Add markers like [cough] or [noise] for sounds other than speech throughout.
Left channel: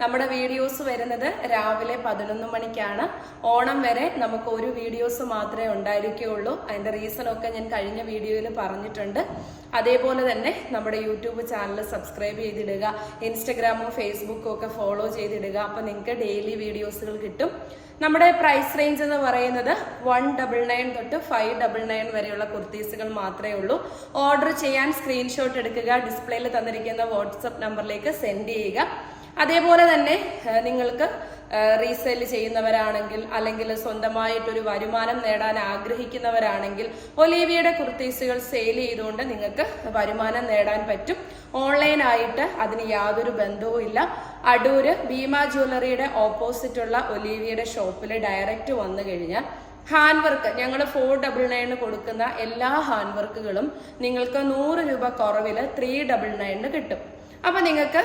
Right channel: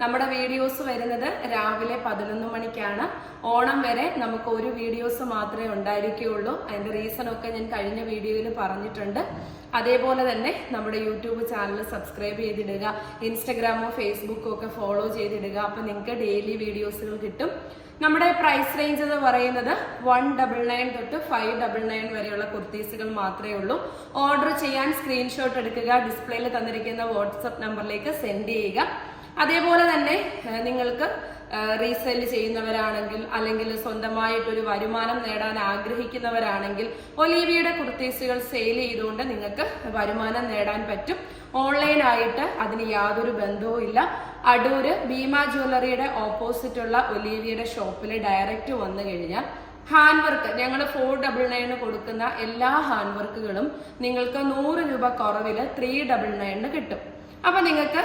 നമ്മുടെ വീഡിയോസ് വരുന്നത് രാവിലെ പതിനൊന്ന് മണിക്കാണ്. ഓണം വരെ നമുക്ക് ഒരു വീഡിയോസ് മാത്രമേ ഉണ്ടായിരിക്കുകയുള്ളൂ അതിന്റെ റീസൺ ഒക്കെ ഞാൻ കഴിഞ്ഞ വീഡിയോയിൽ പറഞ്ഞിട്ടുണ്ട്. അതേപോലെ തന്നെ നമ്മുടെ യൂട്യൂബ് ചാനൽ സബ്സ്ക്രൈബ് ചെയ്തിടുക. ഇൻസ്റ്റഗ്രാമോ ഫേസ്ബുക്കോ ഒക്കെ ഫോളോ ചെയ്തിടുക. അപ്പൊ നിങ്ങൾക്ക് ഡെയിലി വീഡിയോസുകൾ കിട്ടും. നമ്മുടെ പ്രൈസ് റേഞ്ച് എന്ന് പറയുന്നത് വൺ ഡബിൾ നയൻ തൊട്ട് ഫൈവ് ഡബിൾ നയൻ വരെയുള്ള കുർത്തീസുകൾ മാത്രമേ ഉള്ളൂ. ഓർഡർ ചെയ്യാൻ സ്ക്രീൻഷോട്ട് എടുക്കുക. ഡിസ്പ്ലേയിൽ തന്നിരിക്കുന്ന വാട്സപ്പ് നമ്പറിലേക്ക് സെൻഡ് ചെയ്യുക. അതേപോലെ തന്നെ നിങ്ങൾക്ക് റീസെയിൽ ചെയ്യുന്നവരാണെങ്കിൽ അല്ലെങ്കിൽ സ്വന്തമായിട്ടൊരു വരുമാനം നേടാൻ ആഗ്രഹിക്കുന്നവരാണെങ്കിൽ ഒലീവിയുടെ കുർത്തീസുകൾ സെയിൽ ചെയ്തുകൊണ്ട് നിങ്ങൾക്ക് വരുമാനം നേടാൻ പറ്റും. ഓൺലൈനായിട്ട് അതിന് യാതൊരു ബന്ധവും ഇല്ല. അടൂര് ഭീമ ജ്വല്ലറിയുടെ ഓപ്പോസിറ്റുള്ള ഒലീവിയുടെ ഷോപ്പിൽ ഡയറക്റ്റ് വന്നു കഴിഞ്ഞാൽ ഹാൻഡ് വർക്ക് ഞങ്ങൾ ഫോർ ഡബിൾ നയന് കൊടുക്കുന്ന എല്ലാ ഹാൻഡ് വർക്കുകളും നിങ്ങൾക്ക് നൂറ് രൂപ കുറവിൽ ത്രീ ഡബിൾ നയന് കിട്ടും. അപ്പൊ നിങ്ങൾക്ക്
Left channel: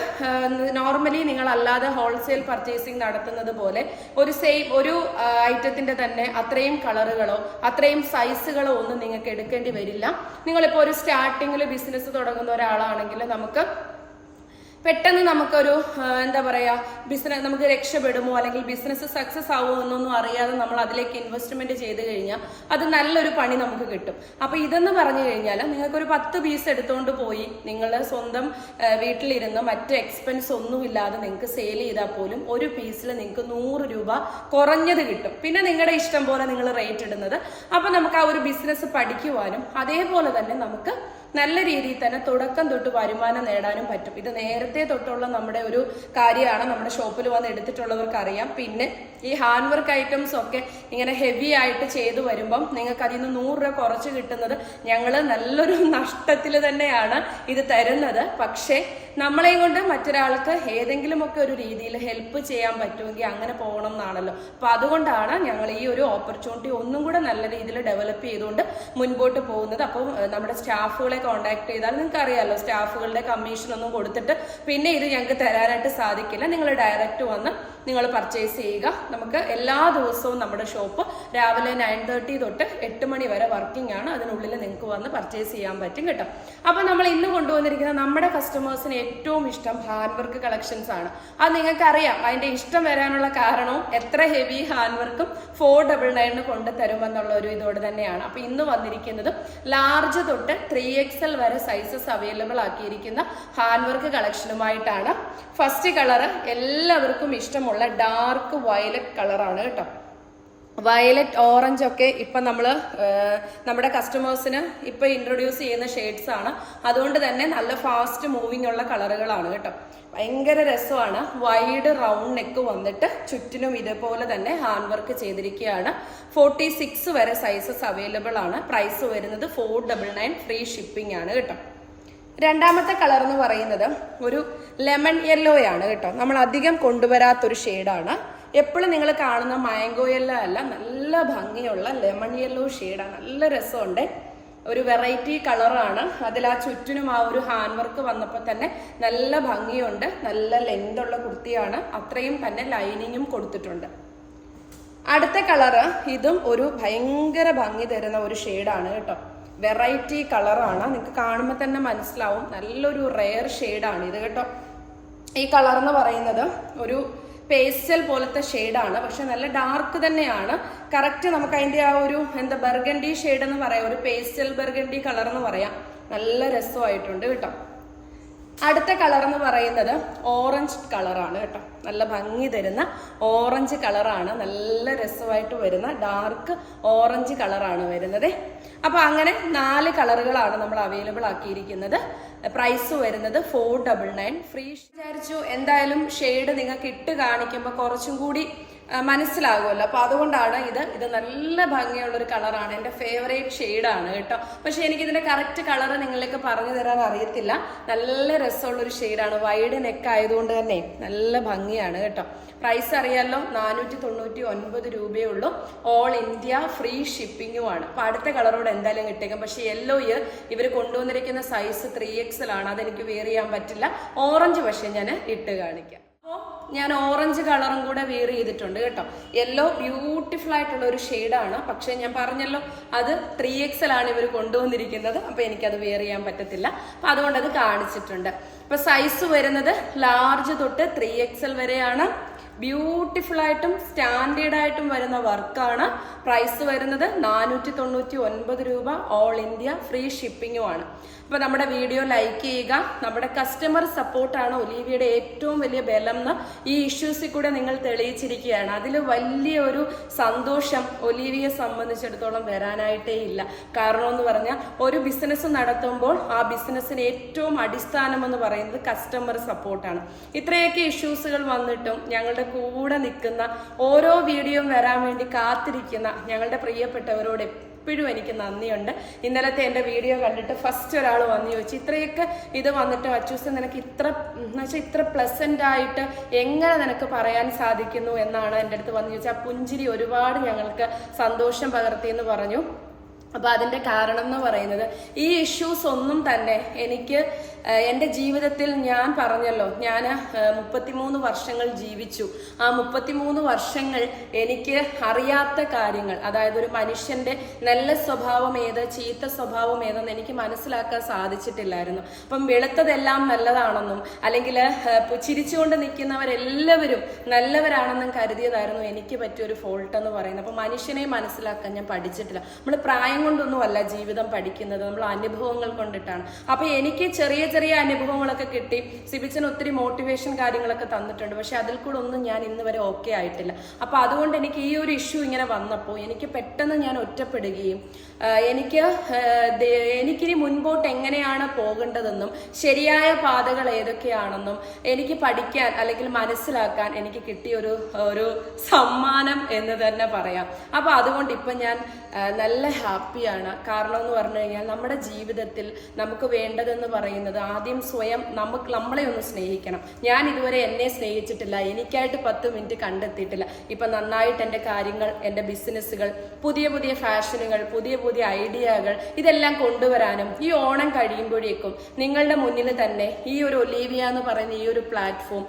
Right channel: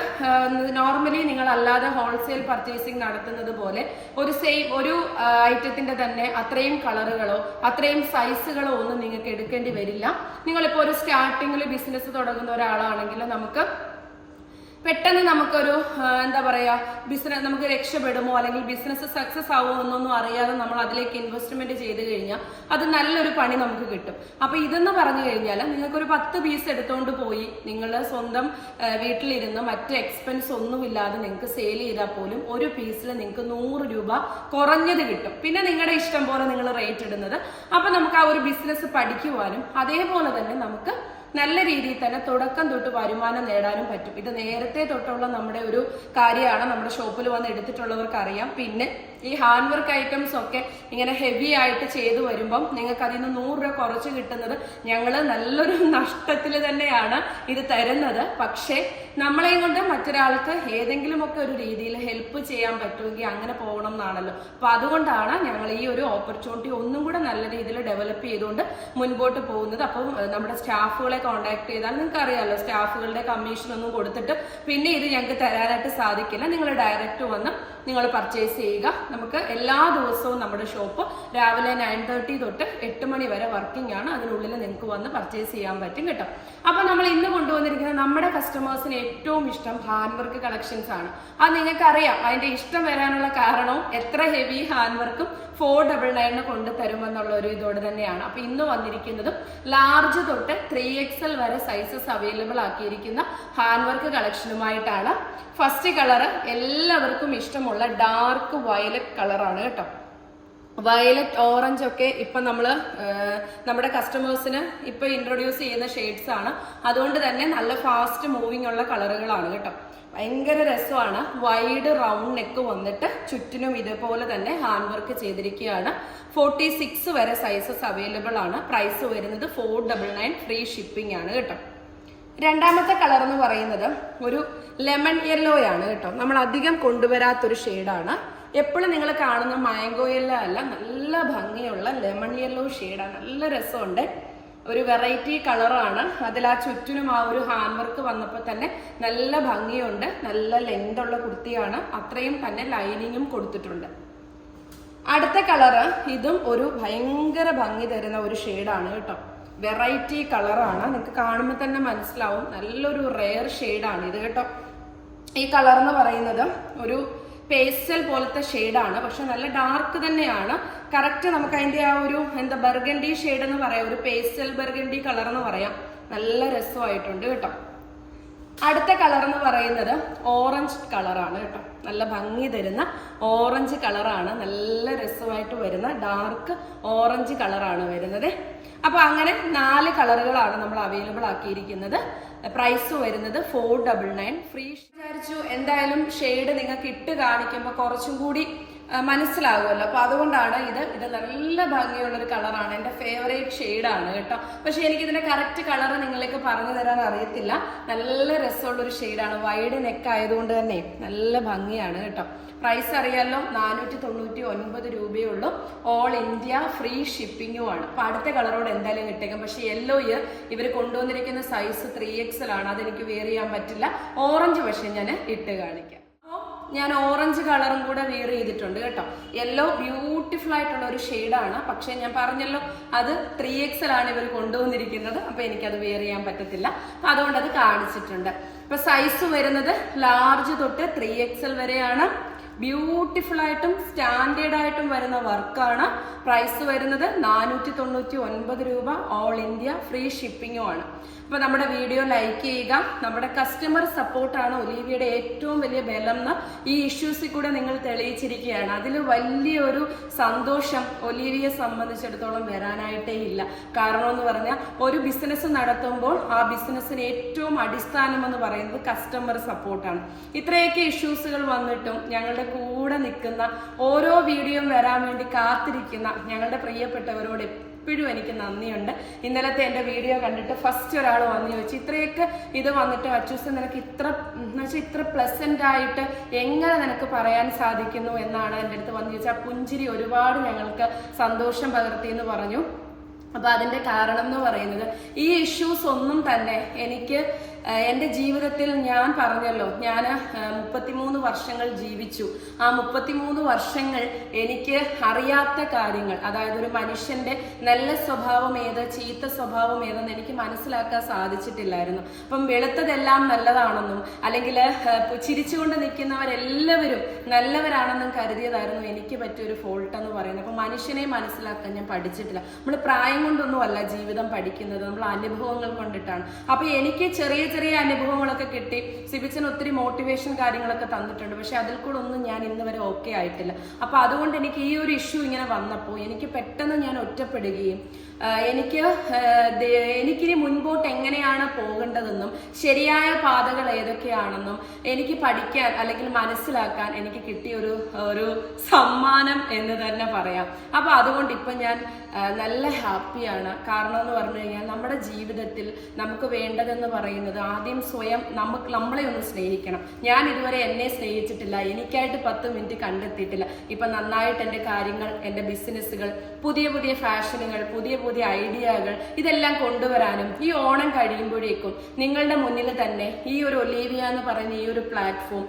നോർമലി നിങ്ങൾ അല്ലാതെ ഹോൾസെയിൽ പർച്ചേസിംഗ് നടത്തുന്നത് പോലെ ഒരു സെയിം ഒരു ഐറ്റത്തിന്റെ തന്നെ അത്രയും കളറുകളോ അത്രയും സൈസുകളോ ഒന്നും നിങ്ങൾക്ക് എടുക്കേണ്ടി വരില്ല. നിങ്ങളിപ്പോൾ ഒരു സ്റ്റാർട്ടിങ്ങിൽ ബിസിനസ് തുടങ്ങുന്ന ഒരാളാണെങ്കിൽ നമുക്ക് പെട്ടെന്ന് നമുക്കൊരു എന്താ പറയുക ബിസിനസ് നമുക്ക് രക്ഷപ്പെടുമോ അല്ലെങ്കിൽ ബിസിനസ് സക്സസ് ആവുമോ എന്നൊന്നും അറിയാതെ നമ്മൾ അതിലേക്ക് ഇൻവെസ്റ്റ്മെന്റ് ചെയ്ത് കഴിഞ്ഞാൽ അത് നല്ലൊരു പണി നമുക്ക് കിട്ടും. അപ്പോൾ ഇതെന്ന് പറഞ്ഞു കഴിഞ്ഞാൽ നിങ്ങൾക്കൊരു പത്ത് പീസ് എടുത്തുകൊണ്ട് പോയി നിങ്ങൾ സ്വന്തം വീട്ടിലിരുന്ന് മറ്റ് എക്സ്പെൻസ് ഒന്നുമില്ലാതെ നിങ്ങൾക്ക് സെയിൽ ചെയ്താൽ പോലും ഒരു പീസിൽ നിങ്ങൾക്ക് നൂറ് രൂപ കുറഞ്ഞത് കിട്ടും. പിന്നെ നിങ്ങളുടെ ഇഷ്ടം പോലെ നിങ്ങൾ റേറ്റ് ഇടുന്നത്. അപ്പോൾ നമുക്ക് ആ ഒരു ബിസിനസ് പഠിക്കുവാനും അതേപോലെ തന്നെ നമുക്ക് നല്ല രീതിയിൽ തന്നെ തുടക്കം തൊട്ട് വരുമാനം നേടാനും പറ്റും. ഇത് നേരത്തെ തൊട്ടുള്ള നമ്മുടെ ഒരു കാര്യമാണ്. നമ്മുടെ ഷോപ്പിൽ വന്ന് എടുത്തിട്ടുള്ളവർക്ക് അറിയാം പിന്നെ ഈ ഹാൻഡ് വർക്ക് ഐറ്റംസ് ഒക്കെ ഇങ്ങനെ ഹെവി ആയിട്ട് ചെയ്തു വരുമ്പം നിങ്ങൾക്ക് അതിൽ നിന്ന് നൂറ് രൂപ കുറച്ച് കിട്ടുന്നത് ഞങ്ങൾ നല്ലൊരു [laughs] നഷ്ടത്തിൽ തന്നെയാണ് ഇത് തരുന്നത്. പക്ഷേ നമ്മളെയും കൊണ്ട് മറ്റൊരാൾക്ക് ഏതെങ്കിലുമൊക്കെ ഒരു രീതിയിൽ ഹെൽപ്പ് ചെയ്യാൻ പറ്റുമെങ്കിൽ അങ്ങനെ പോകണം എന്നാണല്ലോ. അപ്പൊ അതുകൊണ്ടാണ് ഞങ്ങൾ ഈ ഒരു ഓപ്പർച്യൂണിറ്റി ഒന്നും കൂടെ നല്ല രീതിയിൽ ഡെവലപ്പ് ചെയ്തുകൊണ്ട് മുൻപോട്ട് പോകുന്നത്. അപ്പം നമ്മുടെ സ്റ്റാഫുകളെ കോൺടാക്ട് ചെയ്താൽ നിങ്ങൾക്ക് അറിയാമല്ലോ സ്റ്റാഫുകളുടെ കമ്മീഷൻ ഒന്നും കൊടുത്തിട്ട് പിന്നെ ഇത് ഞങ്ങൾക്ക് തരാനായിട്ട് സാധിക്കില്ല. നിങ്ങൾ ഡയറക്റ്റ് വന്ന് നിങ്ങൾ പർച്ചേസ് ചെയ്യുക. നമുക്ക് എല്ലാ ദിവസവും നമ്മുടെ ഷോപ്പ് രാവിലെ നയൻ തേർട്ടി തൊട്ട് എട്ട് മണി വരെ വർക്കിംഗ് ആണ്. അതിനുള്ളിൽ നിങ്ങൾക്ക് വന്ന് പർച്ചേസ് ചെയ്യാൻ പറ്റും കേട്ടോ. അപ്പോൾ നമ്മൾ ഇന്ന് കൊണ്ടുവന്നിരിക്കുന്ന നമ്മുടെ കസ്റ്റമേഴ്സിന് ഏറ്റവും ഇഷ്ടം ഹാൻഡ് വർക്ക് കളക്ഷൻസ് ആണ്. അത് നിങ്ങൾക്ക് അറിയാം അതിന്റെ ഇഷ്ടം വരാനുള്ള കാരണവും എത്ര ഹെവി ഹാൻഡ് വർക്കും ഫോർ ഡബിൾ നയന് കൊണ്ട് തരുമെന്നുള്ള ഒരു ഇതോടെ തന്നെയാണ്. അപ്പൊ ഇന്ന് വന്നിരിക്കുന്നതും ലാർജ് തൊട്ട് ത്രീ എക്സൽ വരെ സൈസസ് അവൈലബിൾ ആക്കിയിരിക്കുന്ന ഹാൻഡ് വർക്ക് കളക്ഷനുമായിട്ടാണ് ഫസ്റ്റ് കളർ എല്ലാവർക്കും ഇഷ്ടമുള്ള ഡാർക്ക് വയലറ്റ് കളറാണ് കേട്ടോ. വയലറ്റ് ഓറഞ്ച് ഒക്കെ ഇപ്പൊ നമ്മൾ നമ്മുടെ കസ്റ്റമേഴ്സിന് ഇപ്പൊ ഇൻട്രൊഡ്യൂസ് ചെയ്യുന്ന ഷെയ്ഡ്സ് ആണ്. അതുകൊണ്ട് തന്നെ നല്ല ഫാസ്റ്റ് മൂവിങ് ഉള്ള കളറുകളാണ് കേട്ടോ. ഭയങ്കര രസമാണ്. വൈഡ് റൗണ്ട് നെക്ക് വന്നിട്ട് ചുറ്റിനും ഇതുപോലെ തന്നെ ഹാൻഡ് വർക്ക് ചെയ്തിരിക്കുകയാണ്. ഫോർട്ടി സിക്സ് വരെ സൈസസ് അവൈലബിൾ ആണ്. പ്രൈസ് വരുന്നത് four double nine free shipping ആണ് കേട്ടോ. രണ്ടാമത്തെ കളർ എന്ന് പറയുന്നത് ഒരു ലെമൺ ആണ് കേട്ടോ. നമ്മൾ അധികം കൊണ്ടുവരാത്തൊരു ഷെയ്ഡാണ്. എപ്പോഴും നിങ്ങൾ കാണുന്ന മാംഗോ യെല്ലോ അല്ല നല്ല ഭംഗിയുള്ള ലെമൺ യെല്ലോ ഷെയ്ഡാണ്. നല്ല രസമുണ്ട്. ഒരു വെറൈറ്റി കളറാണ്. അതിൽ ആ ചുറ്റിനും ആ ഒരു ഹാൻഡ് വർക്ക് വന്നപ്പോൾ തന്നെ നല്ല ഭംഗിയുണ്ട്. നല്ല ലെങ്ത് ഉള്ള കുർത്തിയാണ്. അത്രയും തന്നെ ലൈനിങ്ങും കൊടുത്തിട്ടുണ്ട്. അടുത്ത കളറ് ഇതും ഒരു ഭയങ്കര ഭംഗി തരുന്ന ഒരു ഷെയ്ഡാണ് കേട്ടോ. വെറൈറ്റി കളറാണ്. നിങ്ങൾക്ക് കാണുമ്പോൾ തന്നെ മനസ്സിലാവും. നല്ലൊരു റെയർ ഷെയ്ഡാണ് ഇത് കേട്ടോ. ഈ കളർ എന്ന് പറയുന്നത് ഒരു പേസ്റ്റൽ പോലത്തെ ഷെയ്ഡാണ്. പക്ഷെ നല്ല ഡാർക്ക് തന്നെയാണ്. കറക്റ്റ് നമുക്ക് അതിന്റെ ആ ഒരു എന്താ ബർഗണ്ടി ഷെയ്ഡ് എന്ന് പറയാം. ഒരു പേസ്റ്റൽ ബർഗണ്ടി കളർ എന്ന് പറയാം. നല്ല രസമായിട്ടുണ്ട് കേട്ടോ. അടുത്ത കളർ എന്ന് പറയുന്നത് ഓറഞ്ച് കളറാണ് കേട്ടോ. നല്ല ഭംഗി തരുന്ന ഓറഞ്ച് കളറാണ്. നല്ല രസമായിട്ട് വരുന്ന ഡാർക്ക് ഓറഞ്ച് കളറാണ് വരുന്നത്. അപ്പൊ അങ്ങനെ നാല് കളറുകളാണ് നമ്മൾ അവൈലബിൾ ആക്കിയിരിക്കുന്നത്. പ്രൈസ് വരുന്നത് ഫോർ ഡബിൾ നയൻ ഫ്രീ വിചാരിച്ചു എന്തായാലും ഷെയ്ഡ് നിങ്ങൾക്ക് ഇട്ട് കാണിക്കുമ്പോൾ കുറച്ചും കൂടി മനസ്സിലാകുമല്ലോ. അപ്പോൾ അതുകൊണ്ടാണ് ഇത് ഇത് നല്ല ഭംഗിയുള്ള ഒരു കളറാണ് എന്റെ ഫേവറേറ്റ് ഷെയ്ഡാണ് കേട്ടോ. പക്ഷെ എനിക്ക് ഇതിന്റെ കറക്റ്റ് കളർ നിങ്ങളിലേക്ക് പറഞ്ഞു തരാൻ അറിയത്തില്ല. നല്ല രസമുള്ള ഒരു ഷെയ്ഡാണ് വൈഡ് നെക്ക് ആയതുകൊണ്ട് തന്നെ നല്ല ഭംഗിയാണ് കേട്ടോ. പ്രൈസ് അറിയാമല്ലോ നാനൂറ്റി തൊണ്ണൂറ്റി ഒൻപത് രൂപയേ ഉള്ളൂ. ഓൾ ഇന്ത്യ ഫ്രീ ഷിപ്പിങ്ങും അപ്പോൾ അപ്പൊ അടുത്ത കളറോട് എന്തായാലും കിട്ടേക്കും. പക്ഷേ യെല്ലോ ഇയർ ഇവർ കൊണ്ടുവന്നിരിക്കുന്ന സൈസ് ത്രീ എക്സൽ ആണ് അതെനിക്ക് വെയർ ചെയ്യാൻ പറ്റില്ല. ഓറഞ്ച് പക്ഷേ ഞാൻ ഇട്ട് കാണിക്കാം. ഞാൻ ഓറഞ്ച് കളറും കൂടെ വെയർ ചെയ്തിട്ടുണ്ട് കേട്ടോ. യെല്ലോ ബ്യൂട്ടിഫുൾ ആയിട്ടുള്ള ഒരു ഷെയ്ഡാണ് പക്ഷെ ഞാൻ പറഞ്ഞല്ലോ അത് ത്രീ ആണ് ഇവർ കൊണ്ടുവന്നിരിക്കുന്നത്. അപ്പൊ എനിക്കത് വെയർ ചെയ്യാൻ പറ്റത്തില്ല. അപ്പൊ അതുകൊണ്ട് അത് കാണിച്ചിട്ടുണ്ട്. അപ്പൊ സൈസ് വരുന്നത് ലാർജ് തൊട്ട് ത്രീ എക്സൽ വരെയാണ്. ബ്യൂട്ടിഫുൾ ആയിട്ടും സ്റ്റാൻഡേർഡ് ആയിട്ടും വരുന്ന വർക്കാണ് പ്രൈസ് വരുന്നത് നാനൂറ്റി തൊണ്ണൂറ്റി ഒൻപത് രൂപ. ഓൾ ഇന്ത്യ ഫ്രീ ഷിപ്പിങ്ങും ആണ്. അപ്പൊ നമ്മുടെ വീഡിയോ ലൈക്ക് ചെയ്യുക. നമ്മുടെ കസ്റ്റമർ സപ്പോർട്ടാണ് ഒലീവിയുടെ ഏറ്റവും വലിയ ബലം എന്ന് ഈ ഇഷ്യൂസിൽ കൂടെ നിങ്ങൾ തെളിയിച്ചിരിക്കുകയാണ്. അതിൽ വലിയൊരു സന്തോഷം ഒലീവിയെ സംബന്ധിച്ചിടത്തോളം വരാനായിട്ടേ ഇല്ല. കാരണം എന്ന് പറഞ്ഞാൽ ഒരു ബിസിനസ് നടത്തുമ്പോൾ ആ ബിസിനസ്സിന് ഏറ്റവും അടിസ്ഥാനം എന്ന് പറയുന്നത് കസ്റ്റമർ സപ്പോർട്ടാണ് ഇത്രയൊക്കെ ഇഷ്യൂസുകൾ വന്നിട്ടും ഞങ്ങളുടെ കൂടെ നിൽക്കുന്ന ഓരോ വീഡിയോയും വരാൻ വേണ്ടി കാത്തിരിക്കുന്ന ഞങ്ങളുടെ പ്രിയപ്പെട്ടവരോട് എപ്പോഴും എനിക്ക് നന്ദിയുണ്ട്. ഇന്നലത്തെ എന്റെ വീഡിയോ കണ്ടിട്ട് ഫസ്റ്റ് ഒരാൾ വന്നു ചോദിച്ചു ഇത്രയൊക്കെ ഇത് വന്നിട്ട് അച്ചൂസ് നിനക്ക് ഇത്ര എന്ന് വെച്ചാൽ ഇത്ര പ്ലസന്റ് ആയിട്ട് എങ്ങനെ നിനക്ക് പറയാൻ സാധിക്കുന്നു? എന്നാണ് എന്റെ അടുത്ത് വന്നു ചോദിച്ചാൽ പുഞ്ചിരി ഒരുപാട് ഞങ്ങൾക്ക് സന്തോഷം പകർത്തി എന്ന് പറഞ്ഞു. അപ്പൊ അതിന്റെ കാരണം എന്ന് പറയുന്നത് ഈ ഇഷ്യൂസ് ഒന്നും തന്നെ എനിക്ക് എന്റെ ജീവിതത്തിൽ ഞാൻ പറഞ്ഞല്ലോ ഞാൻ മുപ്പത്തിമൂന്ന് വർഷങ്ങൾ ജീവിച്ചു. ആ മുപ്പത്തിമൂന്ന് വർഷങ്ങൾ എനിക്ക് അറിയാത്ത കാര്യങ്ങൾ അതായത് ഒരു മനുഷ്യന്റെ നല്ല സ്വഭാവം ഏത് ചീത്ത സ്വഭാവം ഏതെന്ന് എനിക്ക് മനസ്സിലാക്കാൻ സാധിച്ചിട്ടില്ലായിരുന്നു. അപ്പം വെളുത്തതെല്ലാം നല്ലതാണെന്നും അല്ലെങ്കിൽ ചിരിച്ചുകൊണ്ട് നിൽക്കുന്നവരെല്ലാവരും നല്ലവരാണെന്നും കരുതിയതായിരുന്നു എനിക്ക് പറ്റിയ ഒരു ഫോൾട്ട് എന്ന് പറയുന്നത്. അപ്പൊ മനുഷ്യനെ മനസ്സിലാക്കാൻ ഞാൻ പഠിച്ചിട്ടില്ല. നമ്മൾ പ്രായം കൊണ്ടൊന്നുമല്ല ജീവിതം പഠിക്കുന്നത്. നമ്മൾ അനുഭവങ്ങൾ കൊണ്ടിട്ടാണ്. അപ്പൊ എനിക്ക് ചെറിയ ചെറിയ അനുഭവങ്ങളൊക്കെ കിട്ടി. സിബിച്ചൻ ഒത്തിരി മോട്ടിവേഷൻ കാര്യങ്ങളൊക്കെ തന്നിട്ടുണ്ട്. പക്ഷെ അതിൽ കൂടെ ഒന്നും ഞാൻ ഇന്ന് വരെ ഓക്കെ ആയിട്ടില്ല. അപ്പൊ അതുകൊണ്ട് എനിക്ക് ഈ ഒരു ഇഷ്യൂ ഇങ്ങനെ വന്നപ്പോൾ എനിക്ക് പെട്ടെന്ന് ഞാൻ ഒറ്റപ്പെടുകയും എനിക്ക് എനിക്കിനി മുൻപോട്ട് എങ്ങനെയാണ് പോകേണ്ടതെന്നും ശരിയായ പാതകൾ ഏതൊക്കെയാണെന്നും എനിക്ക് പഠിക്കാൻ അല്ലെങ്കിൽ മനസ്സിലാക്കാൻ എനിക്ക് കിട്ടിയ ഒരു ഒരു സമ്മാനം എന്ന് തന്നെ പറയാം. അപ്പൊ അതുകൊണ്ട് ഇപ്പൊ ഞാൻ നല്ല നല്ല ഹാപ്പിയാണ്. കാരണം എന്ന് പറഞ്ഞു കഴിഞ്ഞാൽ നമ്മുടെ ജീവിതത്തിൽ നമുക്ക് വേണ്ടതെന്ന് പറയുന്നത് ആദ്യം സ്വയം നമുക്ക് നമ്മളെ ഒന്ന് സ്നേഹിക്കണം. ഞാൻ ഇതുവരെ എന്നെ സ്നേഹിച്ചിട്ടില്ല. എനിക്കായിട്ട് പത്ത് മിനിറ്റ് കണ്ടെത്തിയിട്ടില്ല. ഇപ്പം നന്നായിട്ട് എന്റെ കാര്യങ്ങൾ എന്റെ ബിസിനസ്സുകൾ പുതിയ പുതിയ ഫാഷനുകൾ പുതിയ പുതിയ ഐഡിയകൾ ഇതെല്ലാം കൊണ്ടുവരാനും ഈ ഓണം കഴിയുമ്പോഴേക്കും നിങ്ങളുടെ മുന്നിൽ തന്നെ ഈ ഒരു ഒലീവിയ എന്ന് പറയുന്ന ഈ ഒരു പ്ലാറ്റ്ഫോം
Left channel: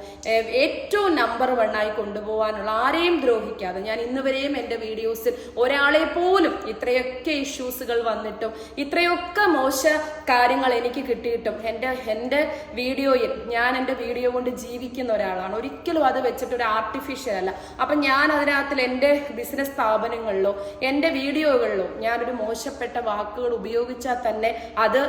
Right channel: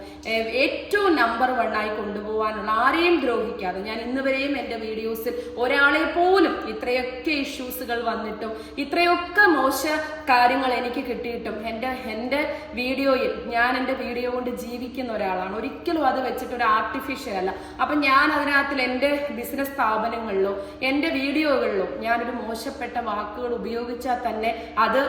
ഏറ്റവും നമ്പർ വൺ ആയി കൊണ്ടുപോകാനുള്ള ആരെയും ദ്രോഹിക്കാതെ ഞാൻ ഇന്ന് വരെയും എന്റെ വീഡിയോസിൽ ഒരാളെ പോലും ഇത്രയൊക്കെ ഇഷ്യൂസുകൾ വന്നിട്ടും ഇത്രയൊക്കെ മോശ കാര്യങ്ങൾ എനിക്ക് കിട്ടിയിട്ടും എന്റെ എന്റെ വീഡിയോയിൽ ഞാൻ എന്റെ വീഡിയോ കൊണ്ട് ജീവിക്കുന്ന ഒരാളാണ്. ഒരിക്കലും അത് വെച്ചിട്ട് ഒരു ആർട്ടിഫിഷ്യൽ അല്ല. അപ്പം ഞാൻ അതിനകത്തിൽ എന്റെ ബിസിനസ് സ്ഥാപനങ്ങളിലോ എന്റെ വീഡിയോകളിലോ ഞാനൊരു മോശപ്പെട്ട വാക്കുകൾ ഉപയോഗിച്ചാൽ തന്നെ അത്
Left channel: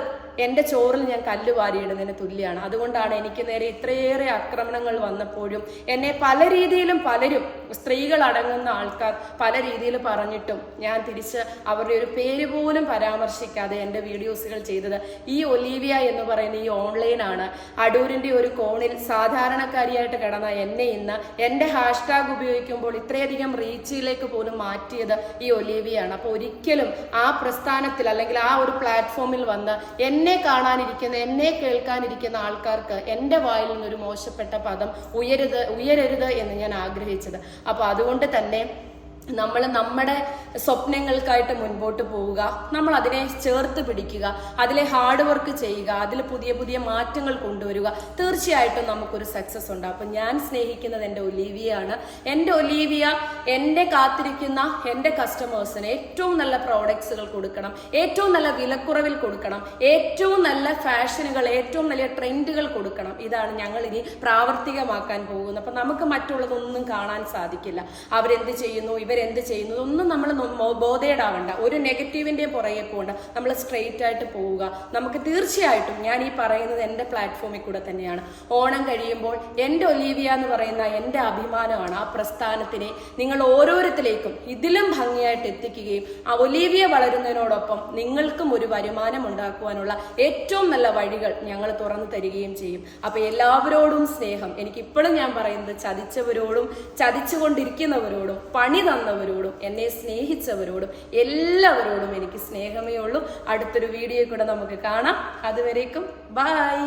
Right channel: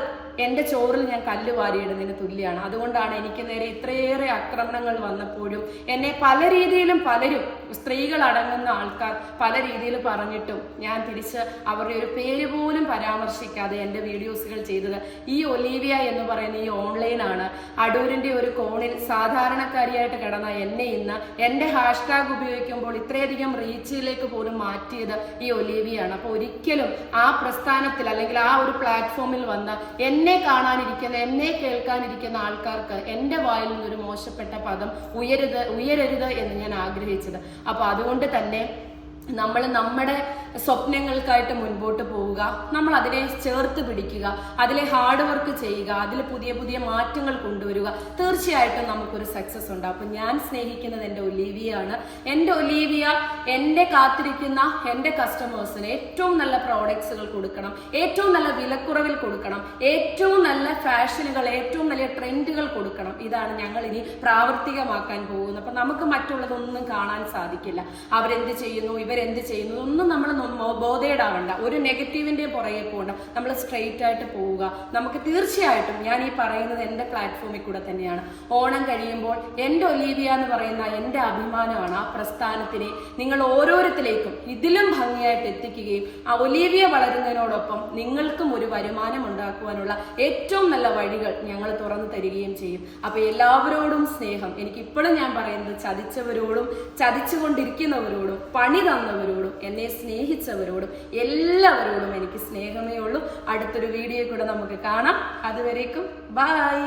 എന്റെ ചോറിൽ ഞാൻ കല്ല് വാരിയിടുന്നതിന് തുല്യമാണ് അതുകൊണ്ടാണ് എനിക്ക് നേരെ ഇത്രയേറെ ആക്രമണങ്ങൾ വന്നപ്പോഴും എന്നെ പല രീതിയിലും പലരും സ്ത്രീകൾ അടങ്ങുന്ന ആൾക്കാർ പല രീതിയിൽ പറഞ്ഞിട്ടും ഞാൻ തിരിച്ച് അവരുടെ ഒരു പേര് പോലും പരാമർശിക്കാതെ എന്റെ വീഡിയോസുകൾ ചെയ്തത് ഈ ഒലീവിയ എന്ന് പറയുന്ന ഈ ഓൺലൈനാണ് അടൂരിന്റെ ഒരു കോണിൽ സാധാരണക്കാരിയായിട്ട് കിടന്ന എന്നെ ഇന്ന് എന്റെ ഹാഷ്ടാഗ് ഉപയോഗിക്കുമ്പോൾ ഇത്രയധികം റീച്ചിലേക്ക് പോലും മാറ്റിയത് ഈ ഒലീവിയാണ്. അപ്പോൾ ഒരിക്കലും ആ പ്രസ്ഥാനത്തിൽ അല്ലെങ്കിൽ ആ ഒരു പ്ലാറ്റ്ഫോമിൽ വന്ന് എന്നെ കാണാനിരിക്കുന്ന എന്നെ കേൾക്കാനിരിക്കുന്ന ആൾക്കാർക്ക് എന്റെ വായിൽ നിന്നൊരു മോശപ്പെട്ട പദം ഉയരുത് ഉയരരുത് എന്ന് ഞാൻ ആഗ്രഹിച്ചത്. അപ്പോൾ അതുകൊണ്ട് തന്നെ നമ്മൾ നമ്മുടെ സ്വപ്നങ്ങൾക്കായിട്ട് മുൻപോട്ട് പോവുക. നമ്മൾ അതിനെ ചേർത്ത് പിടിക്കുക. അതിലെ ഹാർഡ് വർക്ക് ചെയ്യുക. അതിൽ പുതിയ പുതിയ മാറ്റങ്ങൾ കൊണ്ടുവരിക. തീർച്ചയായിട്ടും നമുക്കൊരു സക്സസ് ഉണ്ടാവും അപ്പം ഞാൻ സ്നേഹിക്കുന്നത് എന്റെ ഒലീവിയാണ്. എന്റെ ഒലീവിയ എന്റെ കാത്തിരിക്കുന്ന എന്റെ കസ്റ്റമേഴ്സിന് ഏറ്റവും നല്ല പ്രോഡക്ട്സുകൾ കൊടുക്കണം. ഏറ്റവും നല്ല വിലക്കുറവിൽ കൊടുക്കണം. ഏറ്റവും നല്ല ഫാഷനുകൾ ഏറ്റവും നല്ല ട്രെൻഡുകൾ കൊടുക്കണം. ഇതാണ് ഞങ്ങൾ ഇനി പ്രാവർത്തികമാക്കാൻ പോകുന്നത്. അപ്പം നമുക്ക് മറ്റുള്ളതൊന്നും കാണാൻ സാധിക്കില്ല. അവരെന്ത് ചെയ്യുന്നു? ഇവരെന്ത് ചെയ്യുന്നു? ഒന്നും നമ്മൾ ബോധേടാവണ്ട. ഒരു നെഗറ്റീവിന്റെയും പുറകെ പോകണ്ട നമ്മൾ സ്ട്രെയിറ്റ് ആയിട്ട് പോവുക. നമുക്ക് തീർച്ചയായിട്ടും ഞാൻ ഈ പറയുന്നത് എന്റെ പ്ലാറ്റ്ഫോമിൽ കൂടെ തന്നെയാണ്. ഓണം കഴിയുമ്പോൾ എന്റെ ഒലീവിയ എന്ന് പറയുന്ന എന്റെ അഭിമാനമാണ് ആ പ്രസ്ഥാനത്തിനെ നിങ്ങൾ ഓരോരുത്തരേക്കും ഇതിലും ഭംഗിയായിട്ട് എത്തിക്കുകയും ആ ഒലീവിയ വളരുന്നതിനോടൊപ്പം നിങ്ങൾക്കും ഒരു വരുമാനം ഉണ്ടാക്കുവാനുള്ള ഏറ്റവും നല്ല വഴികൾ ഞങ്ങൾ തുറന്നു തരികയും ചെയ്യും. അപ്പോൾ എല്ലാവരോടും സ്നേഹം. എനിക്ക് ഇപ്പോഴും ഞാൻ പറയുന്നത് ചതിച്ചവരോടും ചതിച്ചുകൊണ്ടിരിക്കുന്നവരോടും പണി തന്നവരോടും എന്നെ സ്നേഹിച്ചവരോടും എല്ലാവരോടും എനിക്ക് സ്നേഹമേ ഉള്ളൂ. അടുത്തൊരു വീഡിയോ കൂടെ നമുക്ക് കാണാം. അതുവരേക്കും ബൈ